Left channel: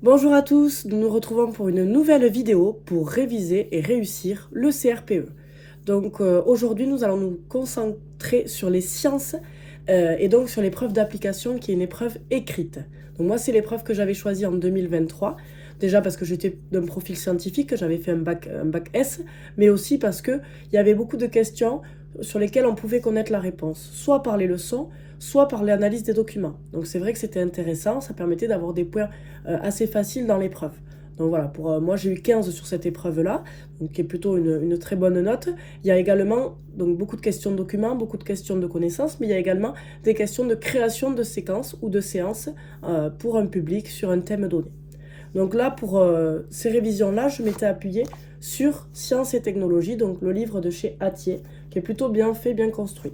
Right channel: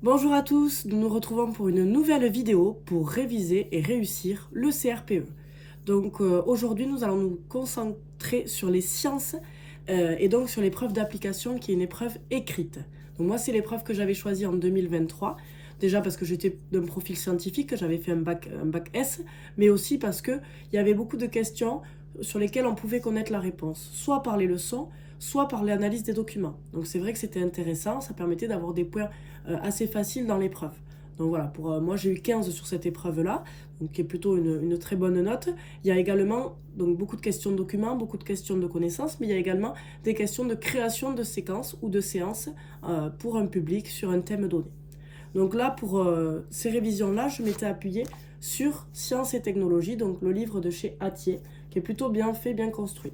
Bonjour à tous, nous nous retrouvons pour une nouvelle vidéo pour réviser et réussir le CRPE. Donc aujourd'hui nous allons nous concentrer sur les sciences et donc sur l'épreuve d'application qui est une épreuve écrite. Donc moi c'est l'épreuve que j'avais choisie en 2023, déjà parce que j'étais d'un profil scientifique, j'avais fait un bac S, mais aussi parce qu'il y avait beaucoup de questions sur lesquelles on pouvait connaître la réponse, soit par les leçons, soit par l'analyse des documents. Donc c'est vrai que c'était intéressant, ça permettait d'avoir des points assez faciles dans l'épreuve. Donc voilà, pour moi j'ai eu 15 sur cette épreuve-là, qui est plutôt une très bonne note. Il y a également donc, beaucoup de questions de documents, beaucoup de questions de connaissances, mais il y a également des questions de création de séquences ou de séances pour un public sur un thème donné. Donc là, pour ces révisions-là, je m'étais appuyée sur Sciences et technologies, donc le livre de chez Hatier, qui est plutôt bien fait, bien construit.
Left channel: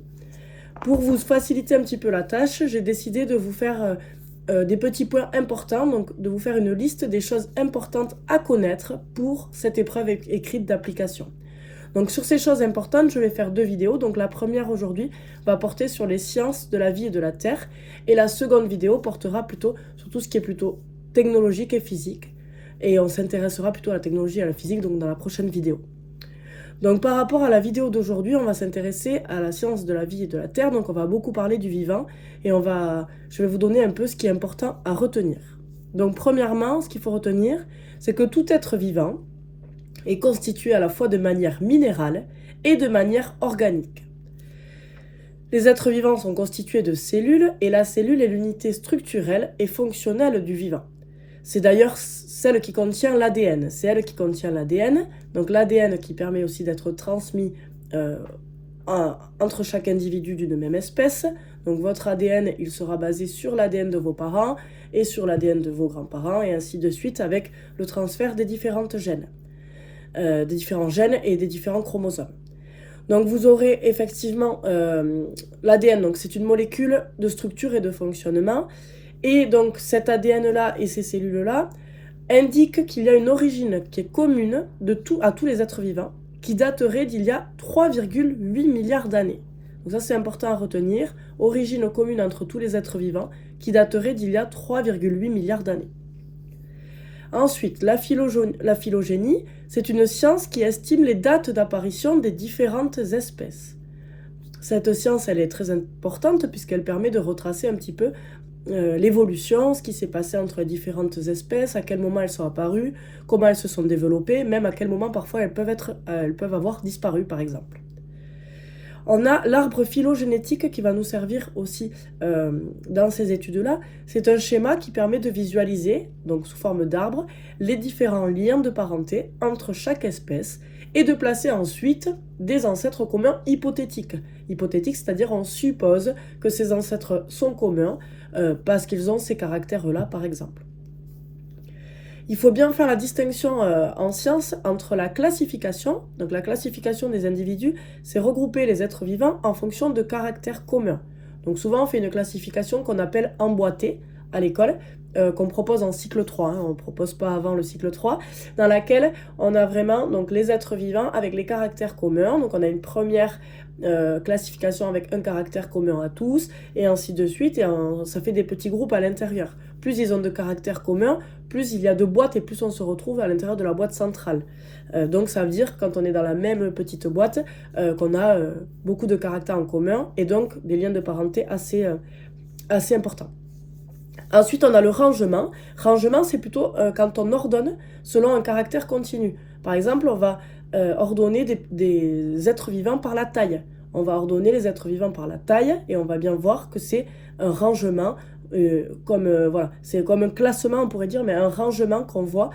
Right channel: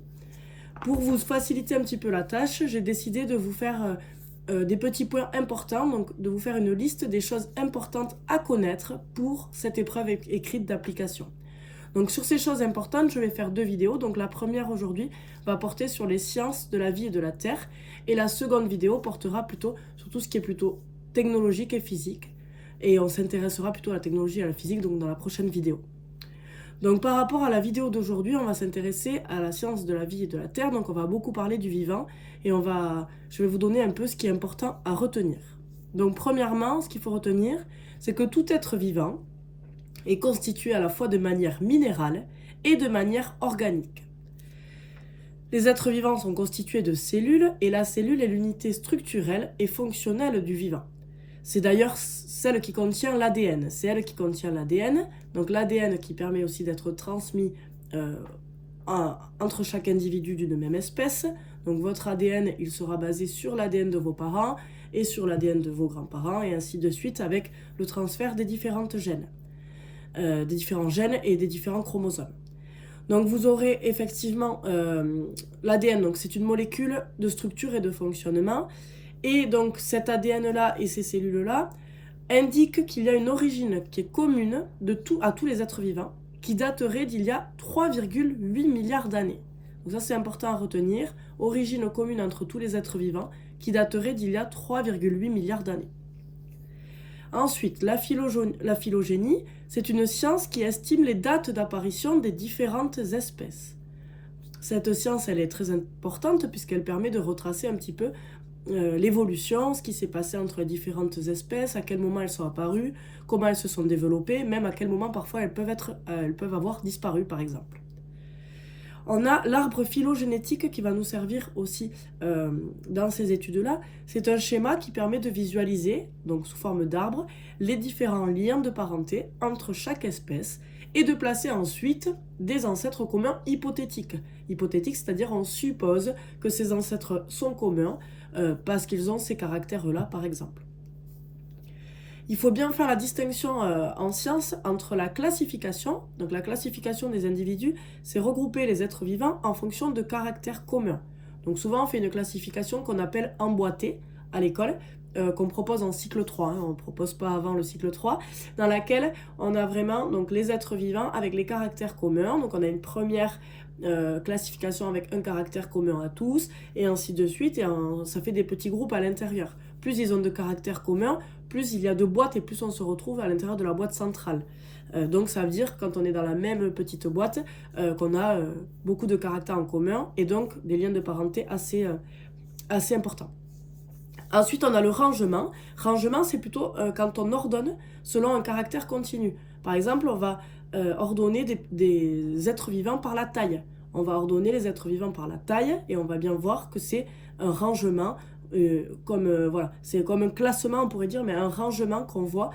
Pour vous faciliter un petit peu la tâche, j'ai décidé de vous faire des petits points importants, donc de vous faire une liste des choses importantes à connaître pour cette épreuve écrite d'application. Donc sur ces choses importantes, je vais faire deux vidéos. Donc la première aujourd'hui va porter sur les sciences de la vie et de la Terre, et la seconde vidéo portera plutôt sur tout ce qui est plutôt technologique et physique. Et on s'intéressera plutôt à la technologie et à la physique donc dans la prochaine vidéo. Donc par rapport à la vidéo d'aujourd'hui, on va s'intéresser à la science de la vie et de la Terre. Donc on va beaucoup parler du vivant et je vais vous donner un peu ce qui est important à retenir. Donc premièrement, ce qu'il faut retenir, c'est que tout être vivant est constitué à la fois de manière minérale et de manière organique. Les êtres vivants sont constitués de cellules et la cellule est l'unité structurelle et fonctionnelle du vivant. C'est d'ailleurs celle qui contient l'ADN. C'est elle qui contient l'ADN. Donc l'ADN qui permet aussi d'être transmis entre chaque individu d'une même espèce. Donc votre ADN, il sera basé sur l'ADN de vos parents et sur l'ADN de vos grands-parents et ainsi de suite avec le transfert des différents gènes et des différents chromosomes. Donc vous aurez effectivement l'ADN, donc c'est une molécule de structure et de fonctionnement. Et donc cet ADN-là et ces cellules-là indiquent qu'il y a une origine qui est commune à tous les êtres vivants, qui daterait d'il y a 3,8 milliards d'années. Donc ça c'est important à retenir, origine commune entre tous les êtres vivants, qui daterait d'il y a 3,8 milliards d'années. Ensuite, la phylogénie, c'est une science qui estime les dates d'apparition des différentes espèces. Cette science, elle est très importante puisqu'elle permet de retracer un petit peu l'évolution, ce qui s'est passé entre les différentes espèces, à quel moment elles sont apparues, comment elles se sont développées, même à quel moment parfois elles peuvent avoir disparu par exemple. On a l'arbre phylogénétique qui va nous servir aussi dans ces études-là. C'est un schéma qui permet de visualiser, donc sous forme d'arbre, les différents liens de parenté entre chaque espèce et de placer ensuite des ancêtres communs hypothétiques. Hypothétiques, c'est-à-dire on suppose que ces ancêtres sont communs parce qu'ils ont ces caractères-là, par exemple. Il faut bien faire la distinction en science entre la classification. Donc la classification des individus, c'est regrouper les êtres vivants en fonction de caractères communs. Donc souvent on fait une classification qu'on appelle emboîtée à l'école, qu'on propose en cycle 3, on ne propose pas avant le cycle 3, dans laquelle on a vraiment donc, les êtres vivants avec les caractères communs. Donc on a une première classification avec un caractère commun à tous, et ainsi de suite, et ça fait des petits groupes à l'intérieur. Plus ils ont de caractères communs, plus il y a de boîtes et plus on se retrouve à l'intérieur de la boîte centrale. Donc ça veut dire quand on est dans la même petite boîte qu'on a beaucoup de caractères en commun et donc des liens de parenté assez importants. Ensuite, on a le rangement. Rangement, c'est plutôt quand on ordonne selon un caractère continu. Par exemple, on va ordonner des êtres vivants par la taille. On va ordonner les êtres vivants par la taille et on va bien voir que c'est un rangement, voilà, c'est comme un classement, on pourrait dire, mais un rangement qu'on voit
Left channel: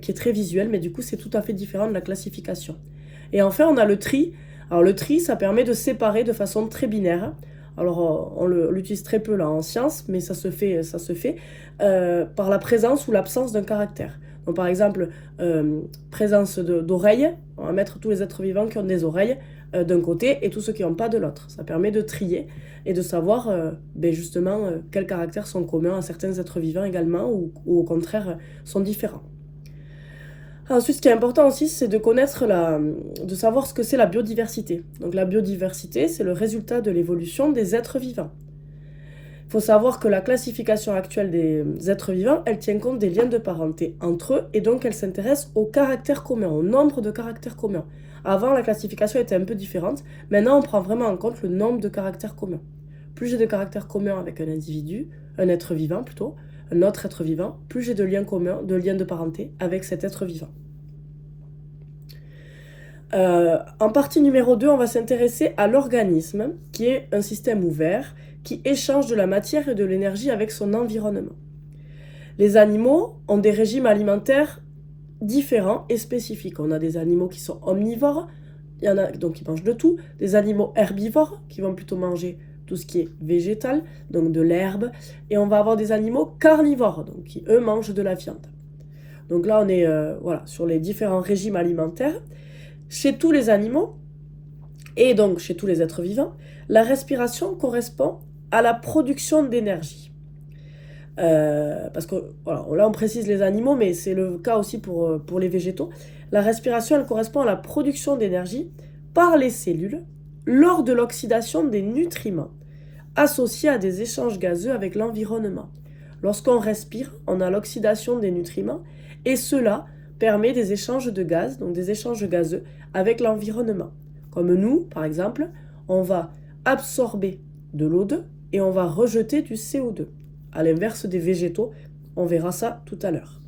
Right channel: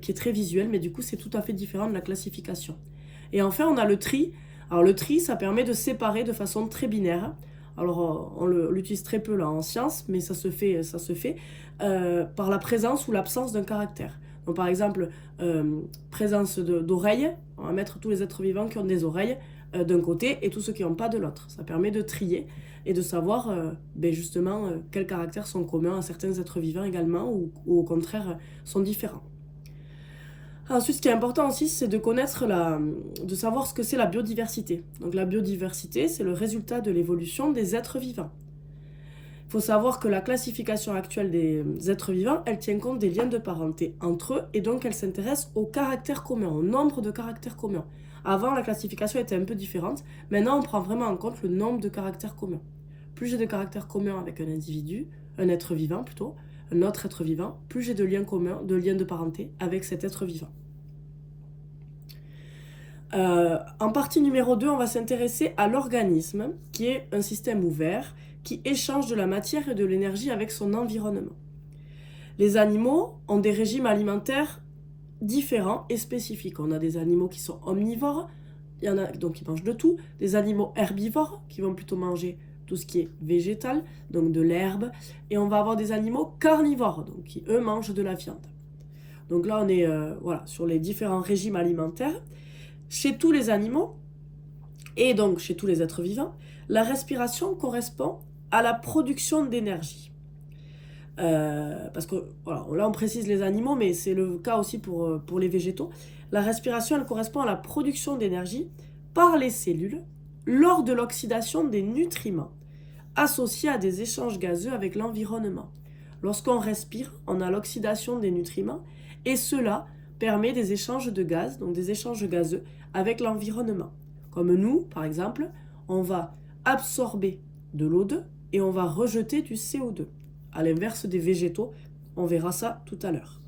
qui est très visuel, mais du coup, c'est tout à fait différent de la classification. Et enfin, on a le tri. Alors, le tri, ça permet de séparer de façon très binaire. Alors, on l'utilise très peu là en sciences, mais ça se fait par la présence ou l'absence d'un caractère. Donc, par exemple, présence d'oreilles, on va mettre tous les êtres vivants qui ont des oreilles d'un côté et tous ceux qui n'ont pas de l'autre. Ça permet de trier et de savoir justement quels caractères sont communs à certains êtres vivants également ou au contraire sont différents. Ensuite, ce qui est important aussi, c'est de savoir ce que c'est la biodiversité. Donc la biodiversité, c'est le résultat de l'évolution des êtres vivants. Il faut savoir que la classification actuelle des êtres vivants, elle tient compte des liens de parenté entre eux, et donc elle s'intéresse aux caractères communs, au nombre de caractères communs. Avant, la classification était un peu différente. Maintenant, on prend vraiment en compte le nombre de caractères communs. Plus j'ai de caractères communs avec un individu, un être vivant plutôt, un autre être vivant, plus j'ai de liens communs, de liens de parenté avec cet être vivant. En partie numéro 2, on va s'intéresser à l'organisme, qui est un système ouvert, qui échange de la matière et de l'énergie avec son environnement. Les animaux ont des régimes alimentaires différents et spécifiques. On a des animaux qui sont omnivores, il y en a donc qui mangent de tout, des animaux herbivores qui vont plutôt manger tout ce qui est végétal, donc de l'herbe, et on va avoir des animaux carnivores, donc qui eux mangent de la viande. Donc là on est sur les différents régimes alimentaires. Chez tous les animaux, et donc chez tous les êtres vivants, la respiration correspond à la production d'énergie. Parce que là on précise les animaux, mais c'est le cas aussi pour les végétaux. La respiration, elle correspond à la production d'énergie par les cellules lors de l'oxydation des nutriments associés à des échanges gazeux avec l'environnement. Lorsqu'on respire, on a l'oxydation des nutriments et cela permet des échanges de gaz, donc des échanges gazeux avec l'environnement. Comme nous, par exemple, on va absorber de l'O2 et on va rejeter du CO2. À l'inverse des végétaux, on verra ça tout à l'heure.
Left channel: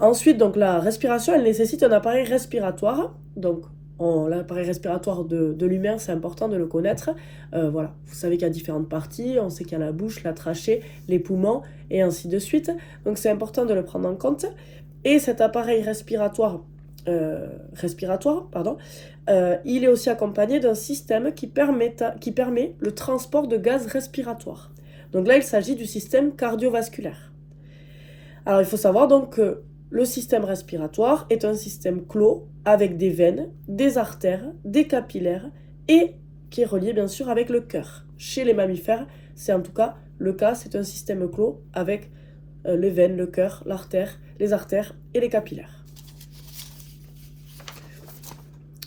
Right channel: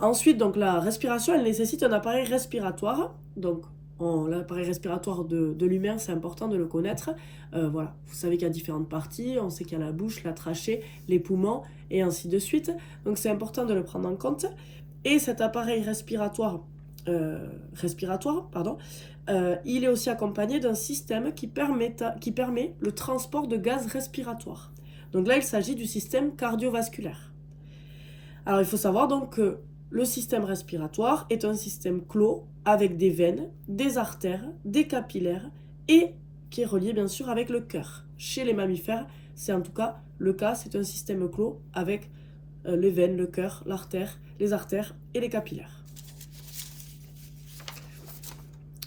Ensuite, donc, la respiration, elle nécessite un appareil respiratoire. Donc, l'appareil respiratoire de l'humain, c'est important de le connaître. Vous savez qu'il y a différentes parties. On sait qu'il y a la bouche, la trachée, les poumons et ainsi de suite. Donc, c'est important de le prendre en compte. Et cet appareil respiratoire, il est aussi accompagné d'un système qui permet le transport de gaz respiratoire. Donc là, il s'agit du système cardiovasculaire. Alors, il faut savoir donc que le système respiratoire est un système clos avec des veines, des artères, des capillaires et qui est relié bien sûr avec le cœur. Chez les mammifères, c'est en tout cas le cas, c'est un système clos avec les veines, le cœur, l'artère, les artères et les capillaires.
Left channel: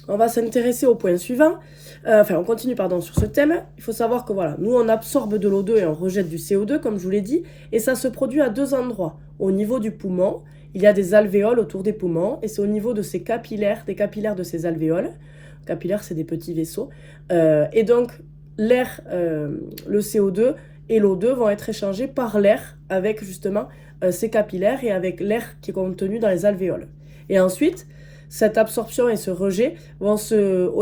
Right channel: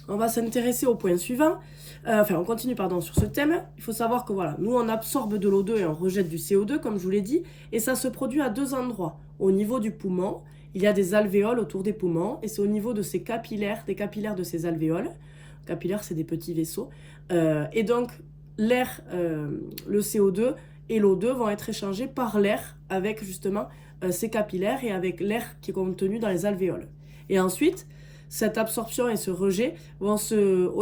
On va s'intéresser au point suivant. On continue sur ce thème. Il faut savoir que nous on absorbe de l'O2 et on rejette du CO2 comme je vous l'ai dit, et ça se produit à deux endroits. Au niveau du poumon, il y a des alvéoles autour des poumons, et c'est au niveau de ces capillaires, des capillaires de ces alvéoles. Capillaires, c'est des petits vaisseaux. Et donc l'air, le CO2 et l'O2 vont être échangés par l'air avec justement ces capillaires et avec l'air qui est contenu dans les alvéoles. Et ensuite, cette absorption et ce rejet vont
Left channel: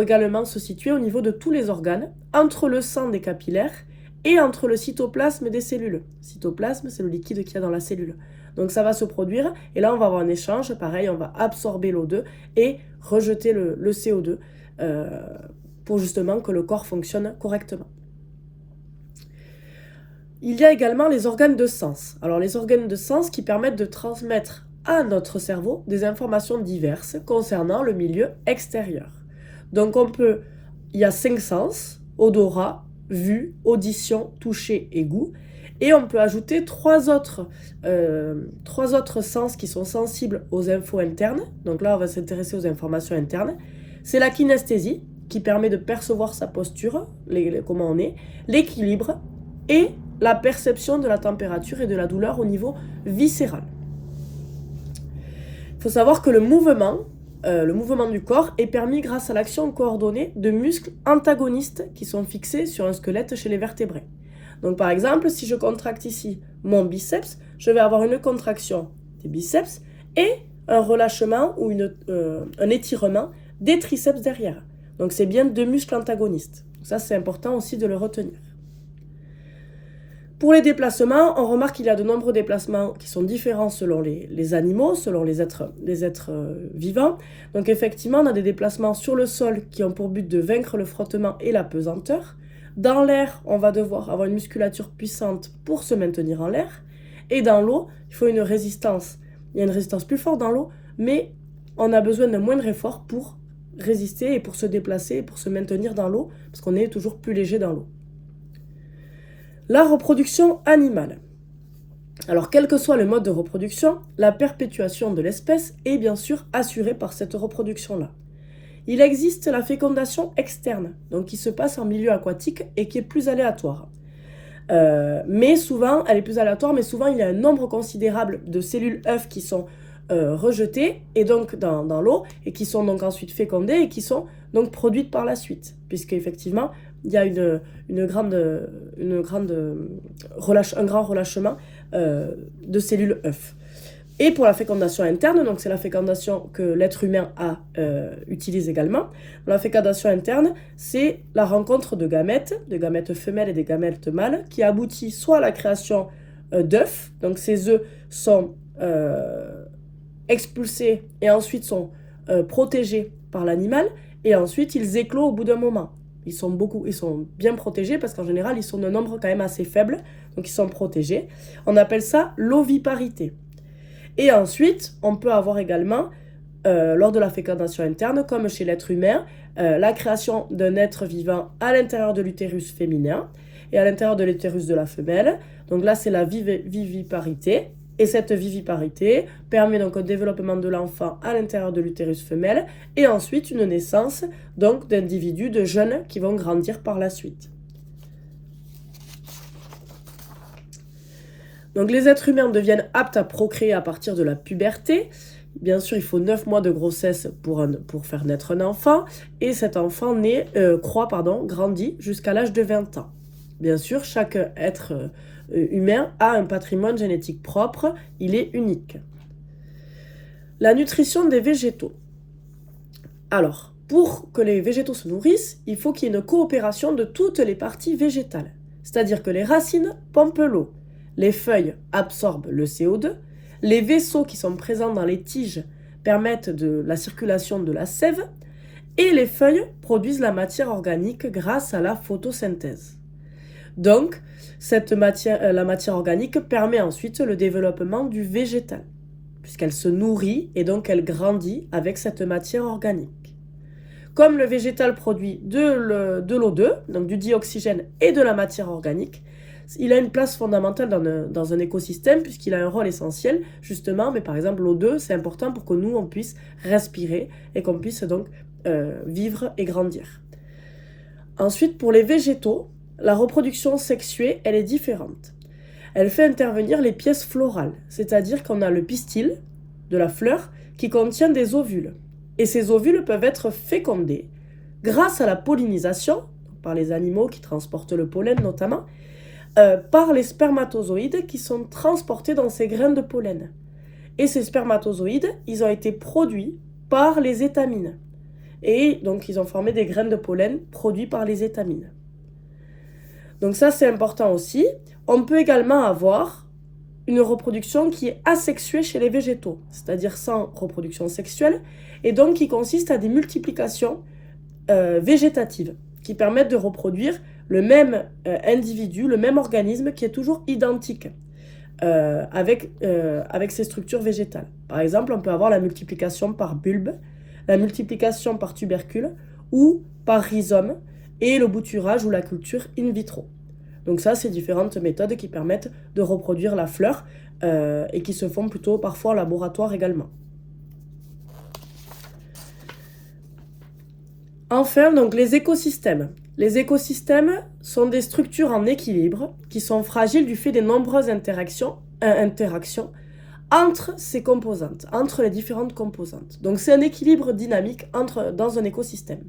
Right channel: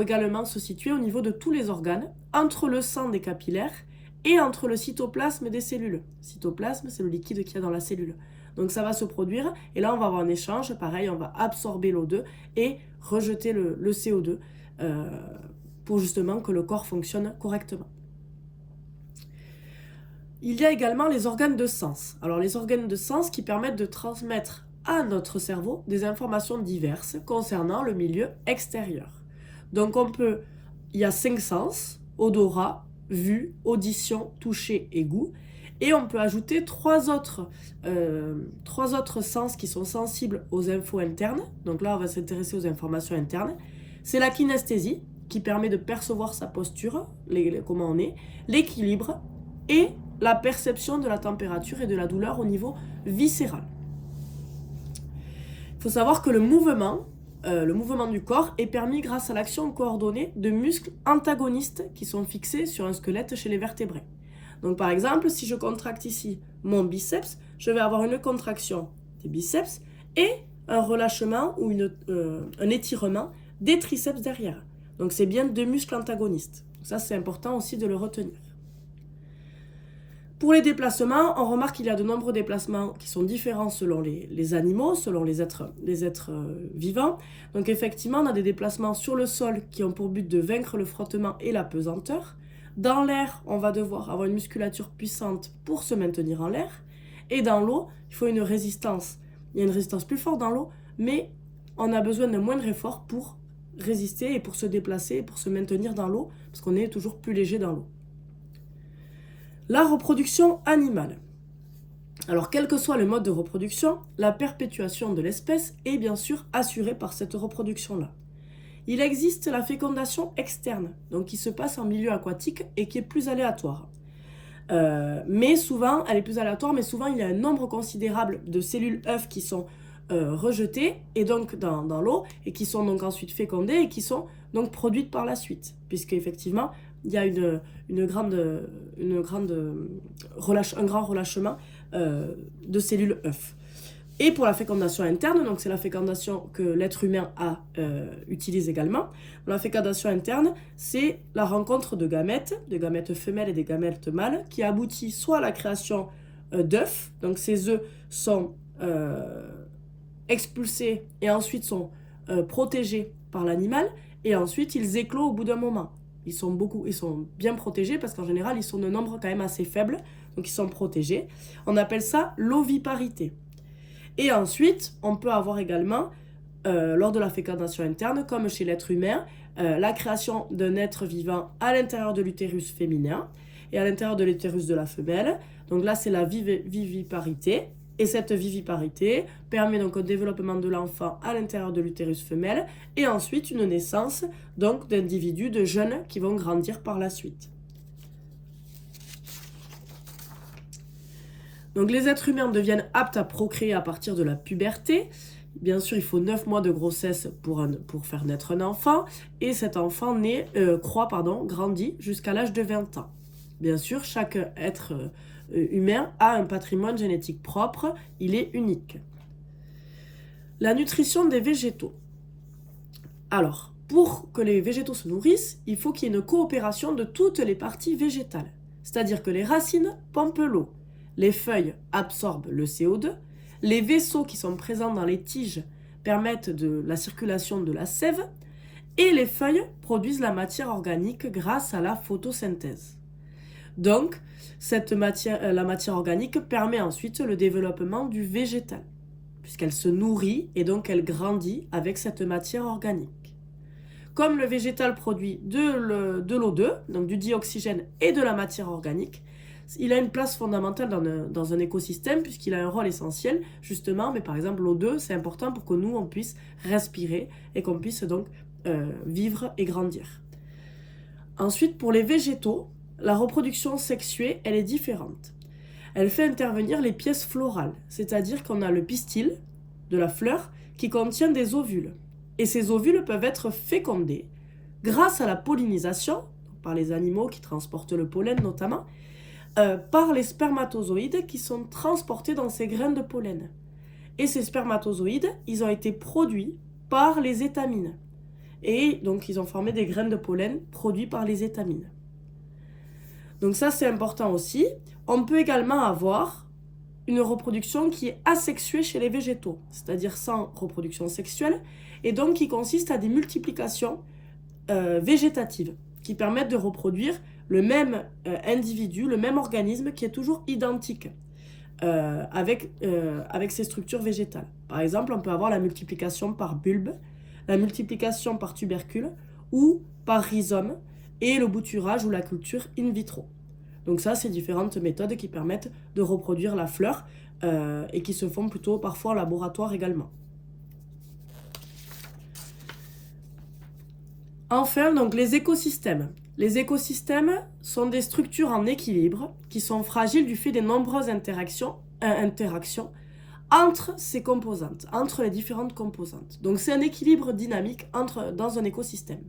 également se situer au niveau de tous les organes, entre le sang des capillaires et entre le cytoplasme des cellules. Le cytoplasme, c'est le liquide qu'il y a dans la cellule. Donc ça va se produire, et là on va avoir un échange, pareil, on va absorber l'O2 et rejeter le CO2 pour justement que le corps fonctionne correctement. Il y a également les organes de sens. Alors les organes de sens qui permettent de transmettre à notre cerveau des informations diverses concernant le milieu extérieur. Donc il y a 5 sens: odorat, vue, audition, toucher et goût. Et on peut ajouter 3 autres sens qui sont sensibles aux infos internes. Donc là, on va s'intéresser aux informations internes. C'est la kinesthésie, qui permet de percevoir sa posture, comment on est, l'équilibre et la perception de la température et de la douleur au niveau viscéral. Il faut savoir que le mouvement du corps est permis grâce à l'action coordonnée de muscles antagonistes qui sont fixés sur un squelette chez les vertébrés. Donc par exemple, si je contracte ici mon biceps, je vais avoir une contraction des biceps et un relâchement ou un étirement des triceps derrière. Donc c'est bien 2 muscles antagonistes. Ça, c'est important aussi de le retenir. Pour les déplacements, on remarque qu'il y a de nombreux déplacements qui sont différents selon les animaux, selon les êtres vivants. Donc effectivement, on a des déplacements sur le sol qui ont pour but de vaincre le frottement et la pesanteur. Dans l'air, on va devoir avoir une musculature puissante pour se maintenir en l'air. Et dans l'eau, il faut une résistance. Il y a une résistance plus forte dans l'eau, mais on a besoin d'un moindre effort pour résister et pour se déplacer et pour se maintenir dans l'eau, parce qu'on est toujours plus léger dans l'eau. La reproduction animale. Alors, quel que soit le mode de reproduction, la perpétuation de l'espèce est bien sûr assurée par cette reproduction-là. Il existe la fécondation externe, donc qui se passe en milieu aquatique et qui est plus aléatoire. Mais souvent, elle est plus aléatoire, mais souvent il y a un nombre considérable de cellules œufs qui sont rejetées et donc dans l'eau et qui sont donc ensuite fécondées et qui sont donc produites par la suite, puisque effectivement il y a un grand relâchement de cellules œufs. Et pour la fécondation interne, donc c'est la fécondation que l'être humain utilise également. La fécondation interne, c'est la rencontre de gamètes femelles et des gamètes mâles, qui aboutit soit à la création d'œufs, donc ces œufs sont expulsés et ensuite sont protégés par l'animal, et ensuite ils éclosent au bout d'un moment. Ils sont bien protégés parce qu'en général, ils sont d'un nombre quand même assez faible, donc ils sont protégés. On appelle ça l'oviparité. Et ensuite, on peut avoir également, lors de la fécondation interne, comme chez l'être humain, la création d'un être vivant à l'intérieur de l'utérus féminin et à l'intérieur de l'utérus de la femelle. Donc là, c'est la viviparité. Et cette viviparité permet donc un développement de l'enfant à l'intérieur de l'utérus femelle et ensuite une naissance donc d'individus, de jeunes qui vont grandir par la suite. Donc les êtres humains deviennent aptes à procréer à partir de la puberté. Bien sûr, il faut 9 mois de grossesse pour faire naître un enfant. Et cet enfant grandit jusqu'à l'âge de 20 ans. Bien sûr, chaque être humain a un patrimoine génétique propre. Il est unique. La nutrition des végétaux. Alors, pour que les végétaux se nourrissent, il faut qu'il y ait une coopération de toutes les parties végétales. C'est-à-dire que les racines pompent l'eau. Les feuilles absorbent le CO2, les vaisseaux qui sont présents dans les tiges permettent de la circulation de la sève et les feuilles produisent la matière organique grâce à la photosynthèse. Donc, la matière organique permet ensuite le développement du végétal, puisqu'elle se nourrit et donc elle grandit avec cette matière organique. Comme le végétal produit de l'O2, donc du dioxygène et de la matière organique, il a une place fondamentale dans un écosystème puisqu'il a un rôle essentiel justement, mais par exemple l'O2 c'est important pour que nous on puisse respirer et qu'on puisse donc vivre et grandir. Ensuite, pour les végétaux, la reproduction sexuée elle est différente. Elle fait intervenir les pièces florales, c'est-à-dire qu'on a le pistil de la fleur qui contient des ovules. Et ces ovules peuvent être fécondés grâce à la pollinisation, par les animaux qui transportent le pollen notamment, par les spermatozoïdes qui sont transportés dans ces graines de pollen. Et ces spermatozoïdes, ils ont été produits par les étamines. Et donc, ils ont formé des graines de pollen produits par les étamines. Donc ça, c'est important aussi. On peut également avoir une reproduction qui est asexuée chez les végétaux, c'est-à-dire sans reproduction sexuelle, et donc qui consiste à des multiplications végétatives, qui permettent de reproduire le même individu, le même organisme qui est toujours identique avec ces structures végétales. Par exemple, on peut avoir la multiplication par bulbe, la multiplication par tubercule ou par rhizome et le bouturage ou la culture in vitro. Donc ça, c'est différentes méthodes qui permettent de reproduire la fleur et qui se font plutôt parfois en laboratoire également. Enfin, donc les écosystèmes. Les écosystèmes sont des structures en équilibre qui sont fragiles du fait des nombreuses interactions entre ces composantes, entre les différentes composantes. Donc c'est un équilibre dynamique dans un écosystème.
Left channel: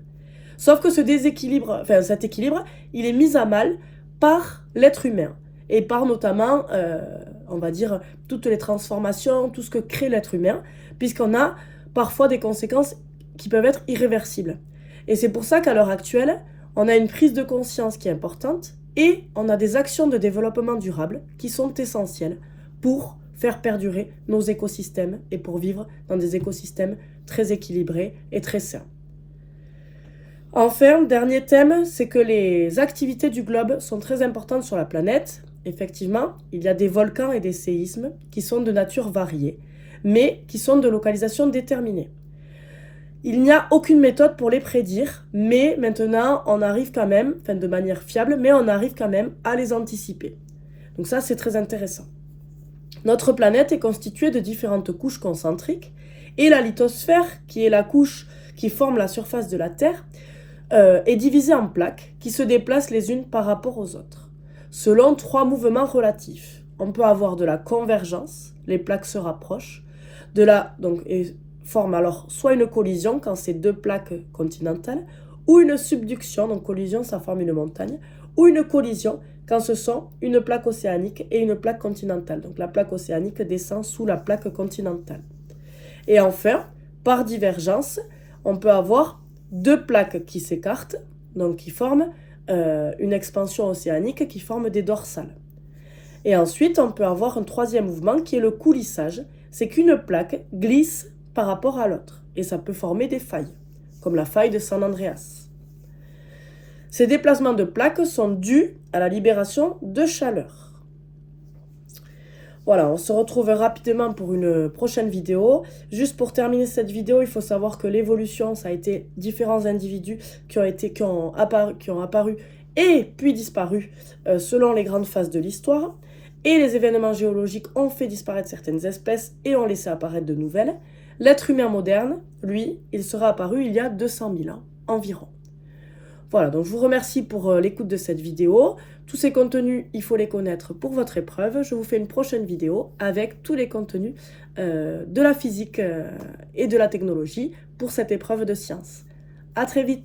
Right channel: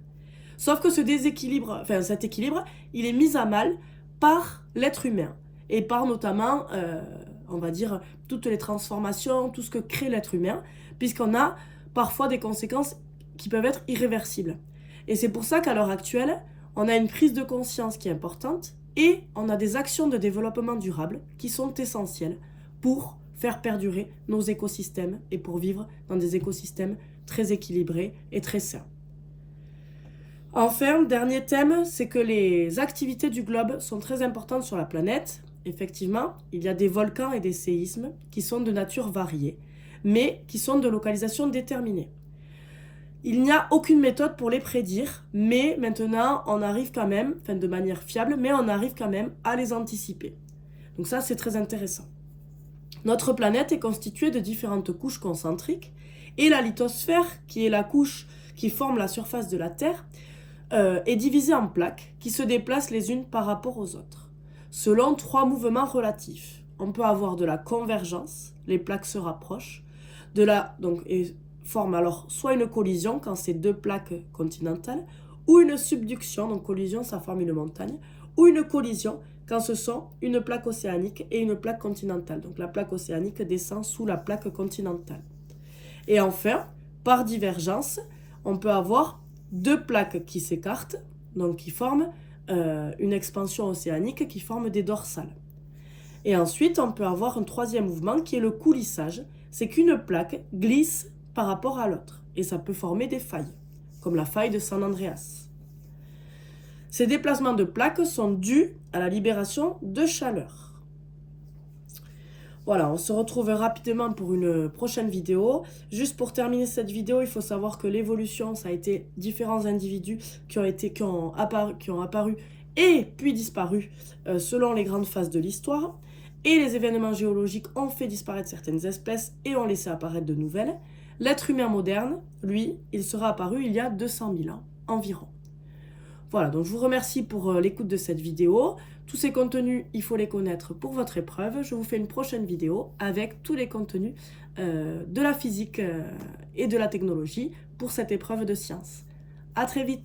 Sauf que cet équilibre, il est mis à mal par l'être humain et par notamment, on va dire, toutes les transformations, tout ce que crée l'être humain, puisqu'on a parfois des conséquences qui peuvent être irréversibles. Et c'est pour ça qu'à l'heure actuelle, on a une prise de conscience qui est importante et on a des actions de développement durable qui sont essentielles pour faire perdurer nos écosystèmes et pour vivre dans des écosystèmes très équilibrés et très sains. Enfin, dernier thème, c'est que les activités du globe sont très importantes sur la planète. Effectivement, il y a des volcans et des séismes qui sont de nature variée, mais qui sont de localisation déterminée. Il n'y a aucune méthode pour les prédire, mais maintenant, on arrive quand même, de manière fiable, mais on arrive quand même à les anticiper. Donc ça, c'est très intéressant. Notre planète est constituée de différentes couches concentriques, et la lithosphère, qui est la couche qui forme la surface de la Terre, est divisée en plaques qui se déplacent les unes par rapport aux autres. selon 3 mouvements relatifs. On peut avoir de la convergence, les plaques se rapprochent, et forment alors soit une collision quand c'est 2 plaques continentales, ou une subduction, donc collision ça forme une montagne, ou une collision quand ce sont une plaque océanique et une plaque continentale. Donc la plaque océanique descend sous la plaque continentale. Et enfin, par divergence, on peut avoir 2 plaques qui s'écartent, donc qui forment une expansion océanique qui forme des dorsales. Et ensuite, on peut avoir un 3e mouvement qui est le coulissage. C'est qu'une plaque glisse par rapport à l'autre. Et ça peut former des failles, comme la faille de San Andreas. Ces déplacements de plaques sont dus à la libération de chaleur. Voilà, on se retrouve rapidement pour une prochaine vidéo. Juste pour terminer cette vidéo, il faut savoir que l'évolution, ça a été différents individus qui ont apparu et puis disparu selon les grandes phases de l'histoire. Et les événements géologiques ont fait disparaître certaines espèces et ont laissé apparaître de nouvelles. L'être humain moderne, lui, il sera apparu il y a 200 000 ans environ. Voilà, donc je vous remercie pour l'écoute de cette vidéo. Tous ces contenus, il faut les connaître pour votre épreuve. Je vous fais une prochaine vidéo avec tous les contenus de la physique et de la technologie pour cette épreuve de sciences. À très vite!